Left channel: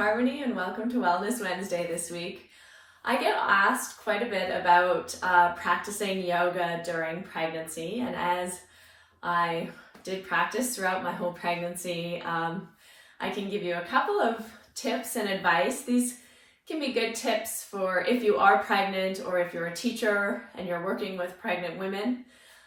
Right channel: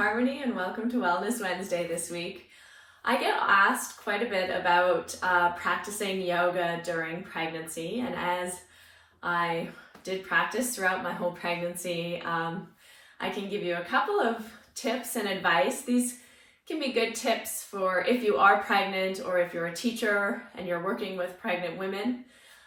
Harmony and welcome to Wellness Wednesday this week. I get asked quite a bit about practicing yoga during pregnancy, and as I did practice throughout my whole pregnancy, I can give you a couple of tips and advice. These can be good tips for if you are pregnant or if you're a teacher and you're working with pregnant women.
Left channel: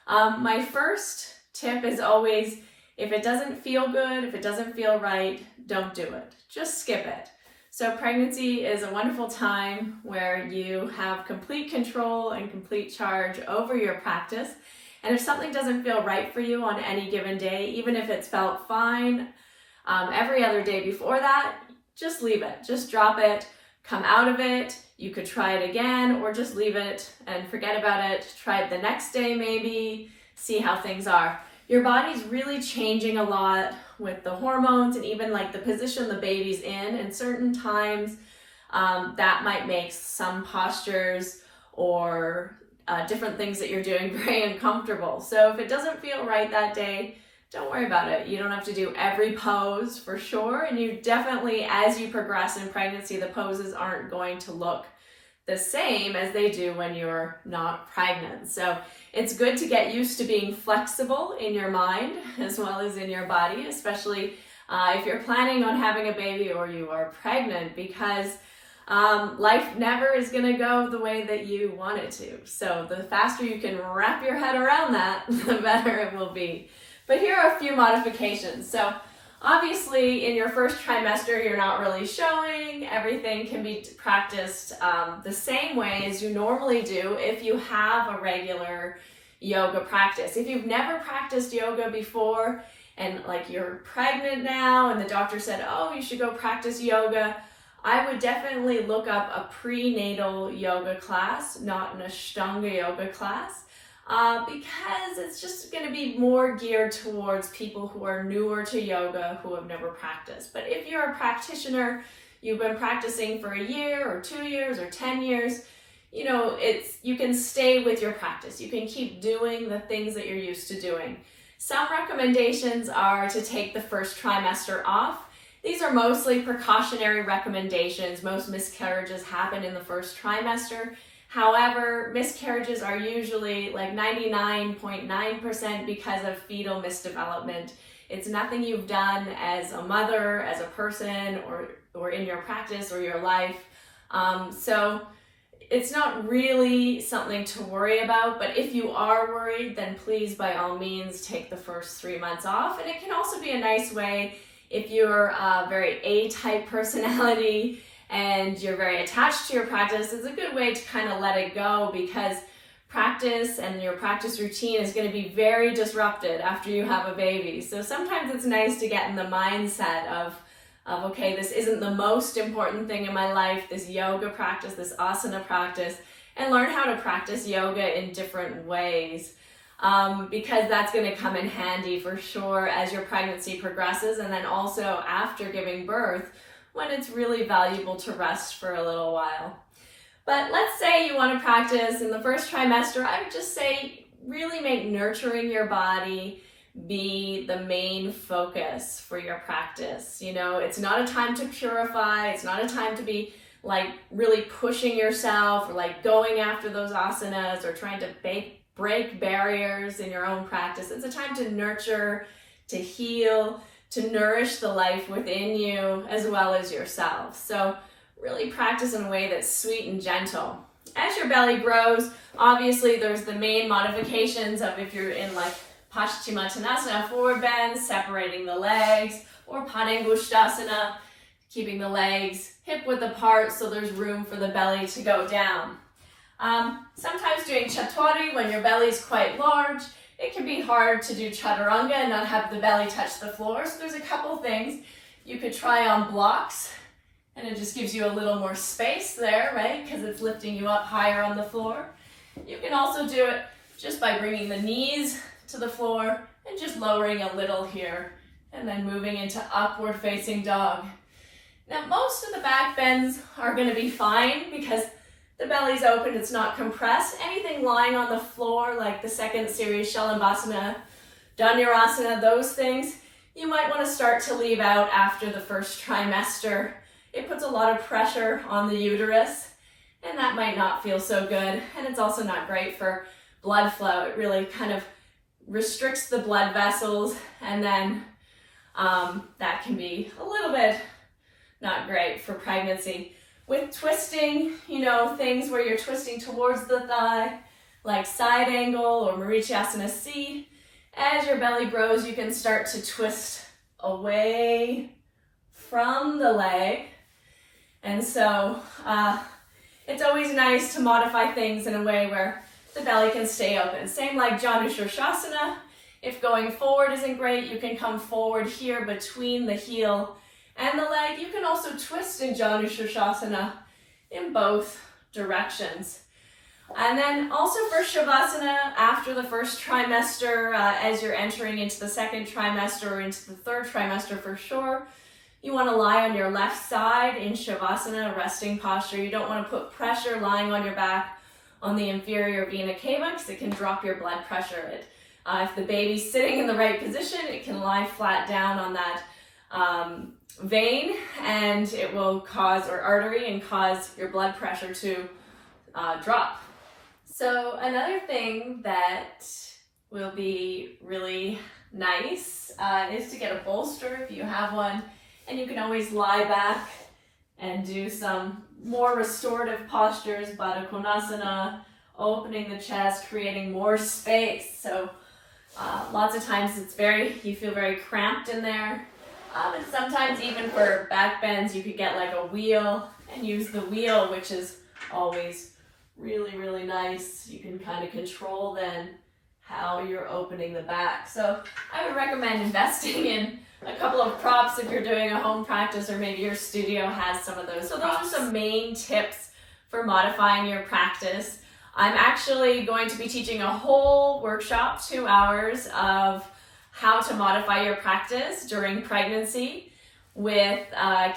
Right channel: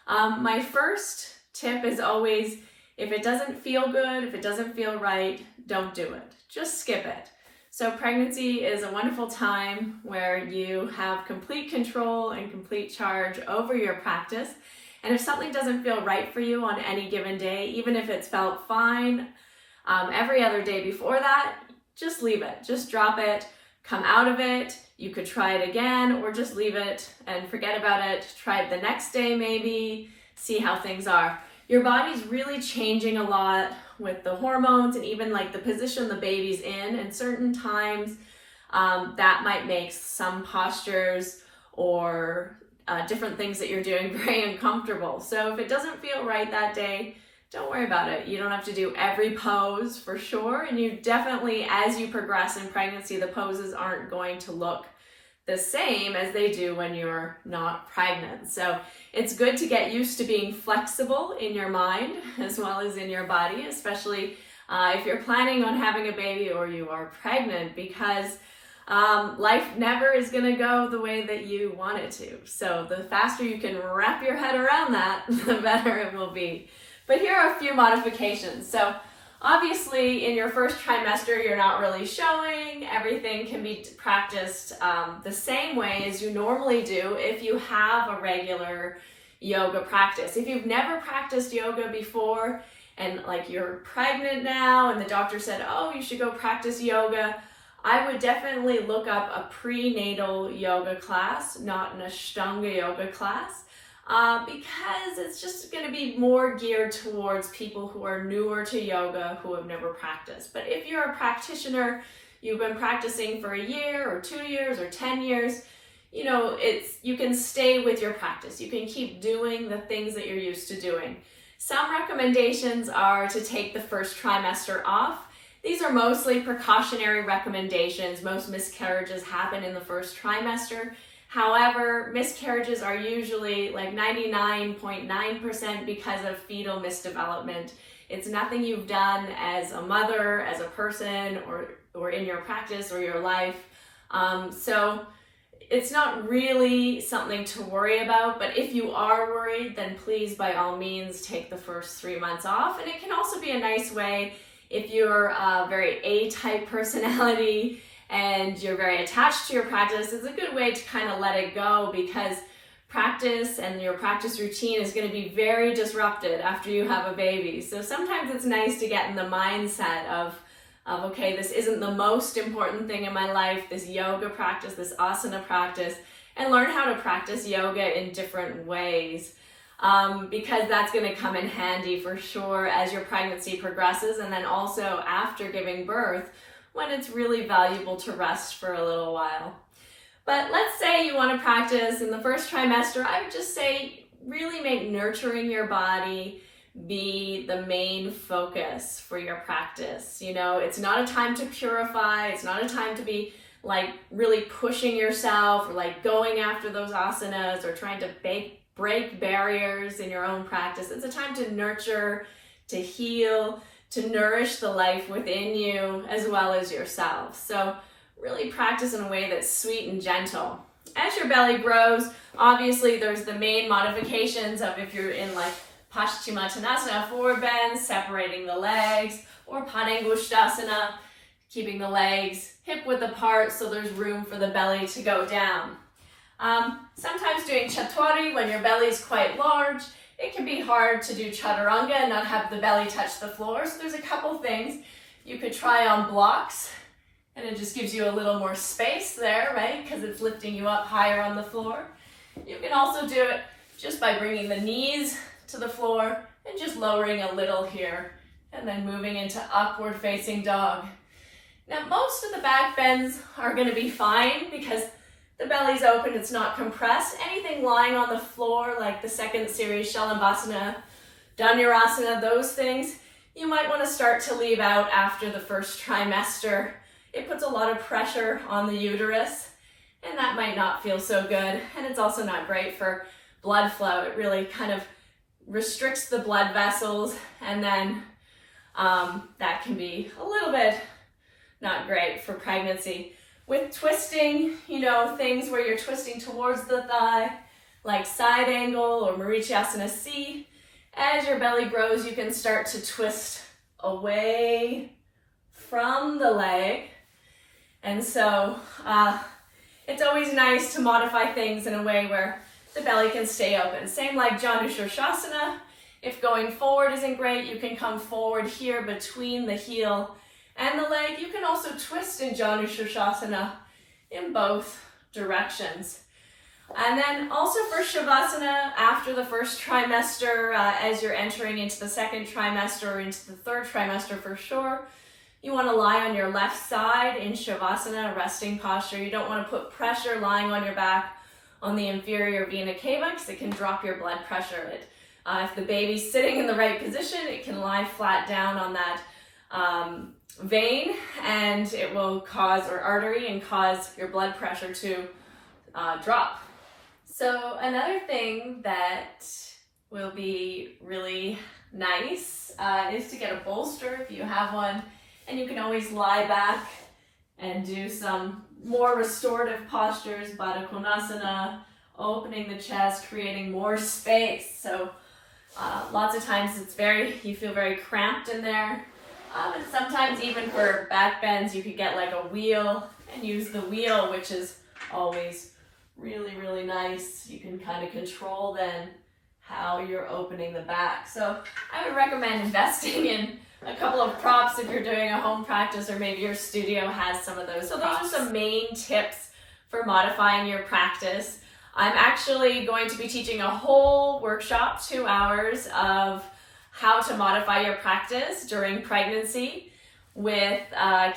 My first tip is always, if it doesn't feel good, if it doesn't feel right, don't do it. Just skip it. So pregnancy is a wonderful time where you have complete control and complete charge over your practice. And if something doesn't feel right for you on any given day, even if it's felt fine every other day before that, just leave it. Just drop it. Come out of it. You could try it again or just leave it and forget about it. Try it the next day maybe. See how things are. Your body's really changing a lot with the hormones and even like the position the baby's in, and certain times that might make some postures or different things that you're doing very uncomfortable. So if it doesn't feel right that day, don't worry about it. You don't have to do every pose for sure, and you definitely, as you progress in pregnancy, the poses aren't going to look the same as they do when you're not pregnant. So it's good to get used to being flexible in your mind as well as in your body, especially if you're planning on having a baby or you are pregnant, because life never is going to go the way that you want it to. So the faster you can wrap your head around that, the better it will be. But here are a few modifications. So obviously, in your first trimester, you're not really showing. Everything can be practiced the same way as you normally do if you have a regular yoga practice. If you've never practiced yoga before and like you're pregnant now and the doctor said, oh, you should go practice yoga, I would definitely look up a prenatal yoga class, not an Ashtanga yoga class. Because it's just going to be more geared towards people who are newer to yoga, who have never practiced. But if you're a practitioner, you've been practicing for a year or 2 years or 10 years, you can stay with your practice. You can keep doing the things that you're used to doing. Some recommendations are to take the first trimester off. These are mostly precautionary recommendations. Most miscarriages happen in the first trimester. However, miscarriages are usually like 99.9% because of fetal misdevelopment. It's nothing you've done as a mother, as a person, or in your practice or your life. So it's not really something to worry about, but if you are worried, then please, by all means, take the first 3 months off. And it can also be a nice way if you're a very A-type personality and you're very attached to your practice. It's a good way to kind of let it go, because practice and your practice routine is going to be very disrupted after you have a baby. So sometimes it's nice to get in the mindset of okay, this isn't the most important thing in my life, this yoga practice, this asana practice, and learn how to practice yoga in different ways. Because that's going to come in handy for sure as your pregnancy progresses, and then also after giving birth, when it's really valuable to rest for a little while. But let's say you want to practice in the first trimester. I would just say really make nurturing your body be the main focus for your practice. It's not a time to purify. It's not a time to be like really pushing yourself or like going after those asanas or trying to break barriers in your own practice. It's a time to nurture, to heal, to nourish the life within you as well as yourself. So really practice in a way that's sweet and gentle. As your belly grows, obviously there's the main modifications of if you're in like Paschimottanasana, forward bend, separating the legs, or Padangusthasana, keeping the legs hip width apart so there's room for the belly to go down. Sometimes doing Chaturanga when your belly's quite large, it can be hard to do Chaturanga and not have the belly touch the floor. So there's a couple things you could try on blocks, and it just gives you a little more space there, right? Because it's lifting you up higher on the floor. You can also do it just by bringing the knees to the floor and just lowering a little here, and then moving into upward facing dog. Now, most of the back bends are going to be fine because the belly's open, it's not compressed. Anything lying on the floor, like the second series, Shalabhasana, Dhanurasana, those things, you might want to start to leave out after the first trimester it puts a lot of pressure on the uterus, and that might not feel so good. And it's also not great for blood flow. It really kind of restricts the blood vessels, and then that can be a little bit not great for pregnancy. With twisting, things where you're twisting towards the thigh, like side angle or Marichasana C, as your belly grows, you can start to twist away from the leg. And so it's always nice to modify things in a way where the belly can stay open. Same like Janu Shirshasana. If going forward isn't great, you can come forward here between the heel and the leg. You can also twist in Janu Shirshasana in both directions. And then also for Shavasana, after the first trimester, as you're entering into the second trimester or into the third trimester for sure, you want to lie on your left side in Shavasana, resting posture. You don't want to put pressure lying on your back on the inferior vena cava because it can drop your blood pressure. If the baby's sitting in the right position, it can lie flat down on that vein, and it will cause, or artery, and cause your blood pressure to drop. So another thing that will be really nice is to get a bolster if you have one, and you can always lie back and do some more restorative postures, Baddha Konasana, opening the chest, creating more space. So lots of times you feel very cramped in there. And sometimes even for back bends, you could get like a wheel and use the wheel, which is always really, really nice. You can kind of control then how you're opening the back. So I would recommend investing in a couple of props if you're doing a home practice, or maybe your studio has some of those. So those are some main tips for modifying your practice. I'm actually going to be teaching a whole workshop, 2 hours of how to modify your practice during pregnancy with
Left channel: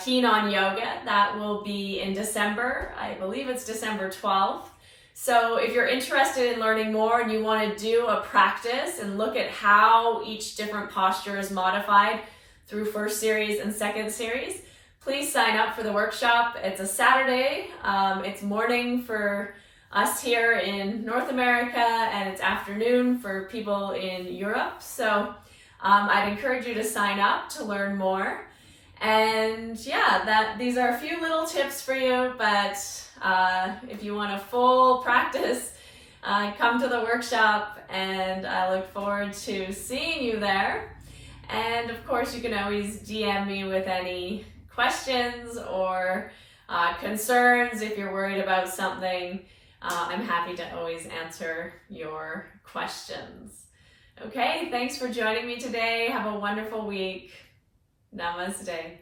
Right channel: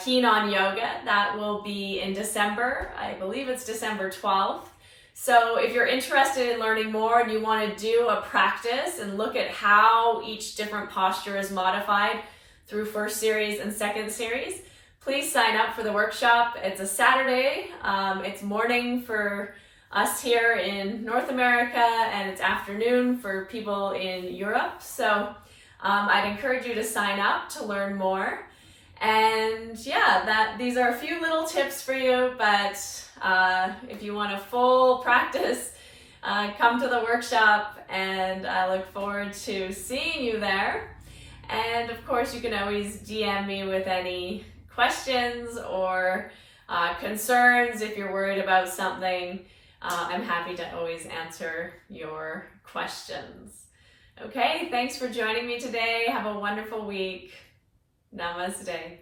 Keen on Yoga. That will be in December. I believe it's December 12th. So if you're interested in learning more and you want to do a practice and look at how each different posture is modified through first series and second series, please sign up for the workshop. It's a Saturday. It's morning for us here in North America, and it's afternoon for people in Europe. So I'd encourage you to sign up to learn more. And yeah, these are a few little tips for you, but if you want a full practice, come to the workshop, and I look forward to seeing you there. And of course, you can always DM me with any questions or concerns if you're worried about something. I'm happy to always answer your questions. Okay, thanks for joining me today. Have a wonderful week. Namaste.